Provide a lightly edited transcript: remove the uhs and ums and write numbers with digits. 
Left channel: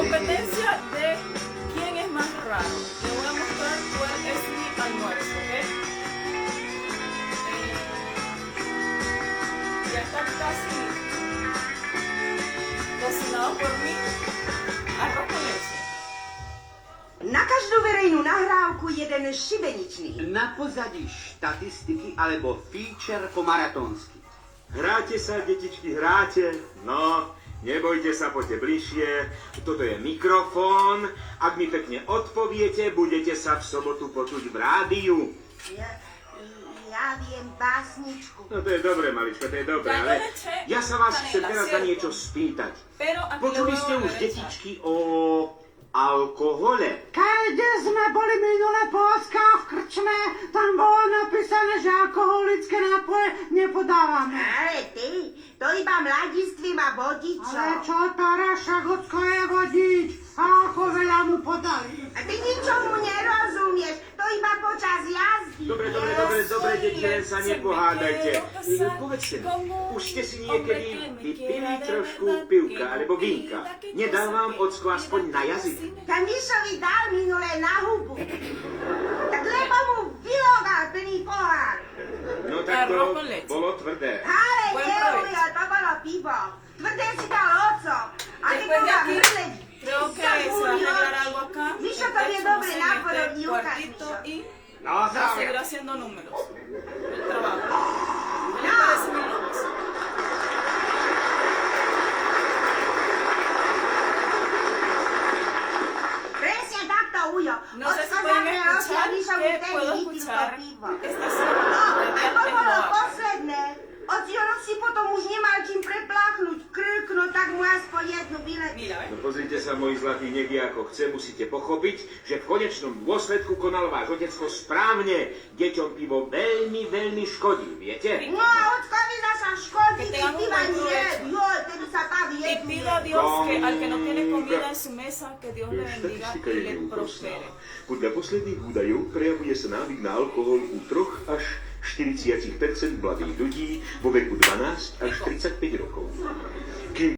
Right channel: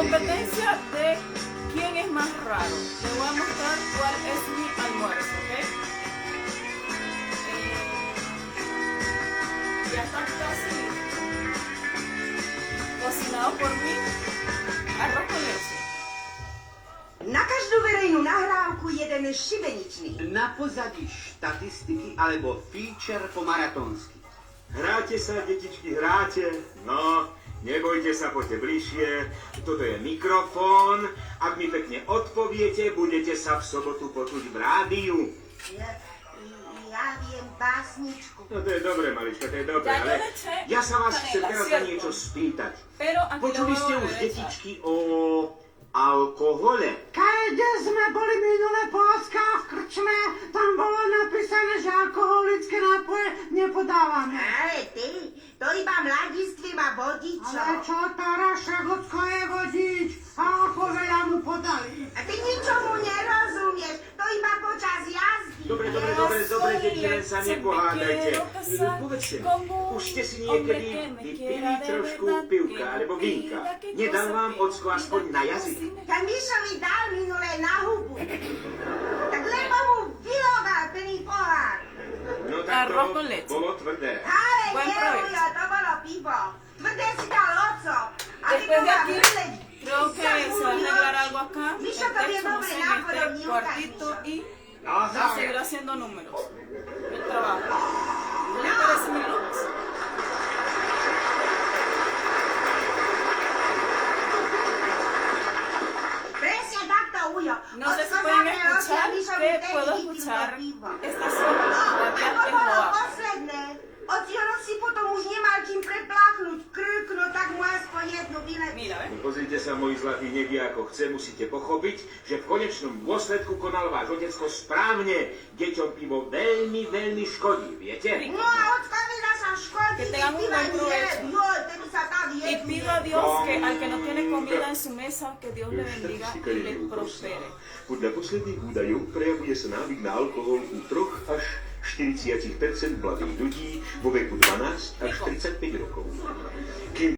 Competencia de quién es más raro. Le voy a mostrar cuál es mi almuerzo, ¿ok? Ya está casi cocinado por mí. Arroz con leche. Na každú verejnú nahrávku jeden šibeničný. Na pozadí štatistiky alebo feature po maratonsky. Hráte sa, detičky, hráte? No, nebojte sa, poďte bližšie. Toto je mikrofón. Ak mi pekne odpoviete, budete sa v sobotu počuť v rádiu. Ja viem básničku. No to je dobré, malička, to je dobré, ale ja sa vás chcem teraz na niečo spýtať. Počuli ste už, detičky, o alkohole? Keď sme boli minulé po Oskách v krčme, tam bolo napísané, že alkoholické nápoje nepodávame. Ale ty, to iba mladistvím a vodičom. Ale čo Taraša Gocko je vodič? A ako veľa mu podali? A ty ničomu nerozumieš, to iba počas jazdy. Dobre, deti, len sa nepohádajte. Povedzte mi, už ste si niekedy vypili trošku pivka alebo vínka. Nedal vám ocko aspoň na jazyk? Ten Mišovi dal minulé na hubu. Tak lebo mu vylogal plný pohár. No tak Arroz to con leche. bolo tvrdé. Ale Buen provecho. neujo, to bolo pivo. Tvrdé si dal oco. A ty Después de bola aquí, vyleť. creo que se va a arreglar algo acá. Mišo, El to je texto dobrý en nápad, este Miuka, cuartito Mišo. y No, va a seguir haciendo números. El trabajo. ¿Qué le parece mi looks? Presne takto, Ujo. No sé si pueden escuchar que puedo escuchar estación radial To bolo Eslovaco. posledné. Ocino si potom už nemal čím prepláchnuť krk, no tak mu aspoň jednu vyleť. Mira, ¿ves? No pozrite sa, moji zlatí, nevie ako chce, musíte pochopiť, že v konečnom dôsledku konal váš otecko správne. Deťom pivo veľmi, veľmi škodí, viete? No a ockovi naša škodí, Que tengan un buen provecho. Joj, tedy sa tak Y jednu. pida a Dios que al que no tiene comida en su mesa, que Dios le bendiga y le prospere. Podľa posledných údajov prejavuje sa návyk na alkohol u 3 až 40% mladých ľudí vo veku 12 až 35 rokov. Kým